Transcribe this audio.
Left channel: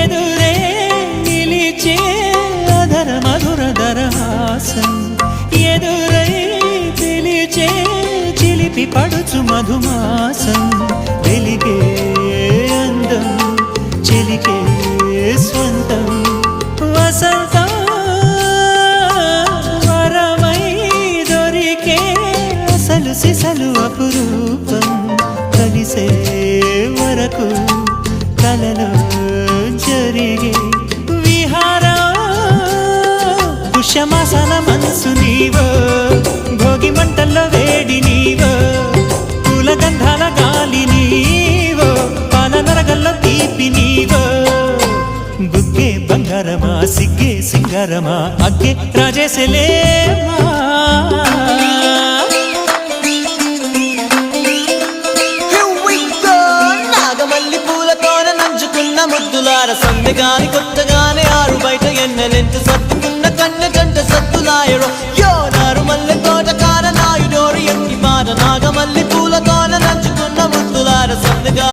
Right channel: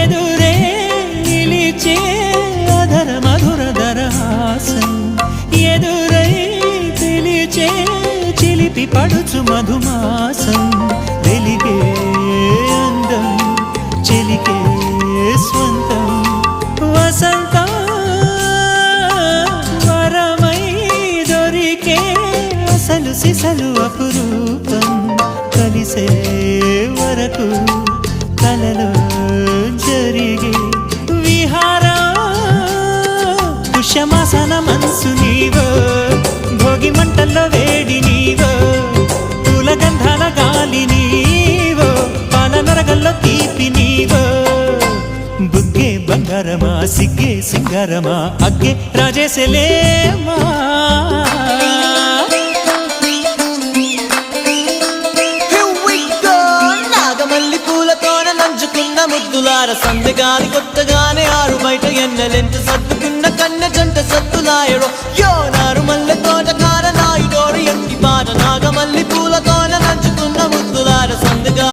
ఎదురే నిలిచే అధర మధుర దరహాసం ఎదురై పిలిచే చిలిపి పడుచు మధుమాసం వెలిగే అందం చెలికే స్వంతం వసంతం వరమై దొరికే అసలు సిసలు అపురూపం కలిసే వరకు కలలో జరిగే విహారం పుష్యమాసన మనసు నీవో భోగి మంటల్లో వేడి నీవో పూల గంధాల గాలి నీవో పాల నరగల్లో తీపి నీవో బుగ్గే బంగారమా సిగ్గే సింగారమా అగ్గే రాజేసలేమా మల్లి పూలతోన నంచుకున్న ముద్దులార సందెగాని కొత్తగానే ఆరు బయట ఎన్నెలెంట సర్దుకున్న కన్నె జంట సత్తులాయరో యోనారు మల్లె తోటకార నాయుడోరు ఎట్టి పాట నాగమల్లి పూలతోన నంచుకున్న ముద్దులార సందెగా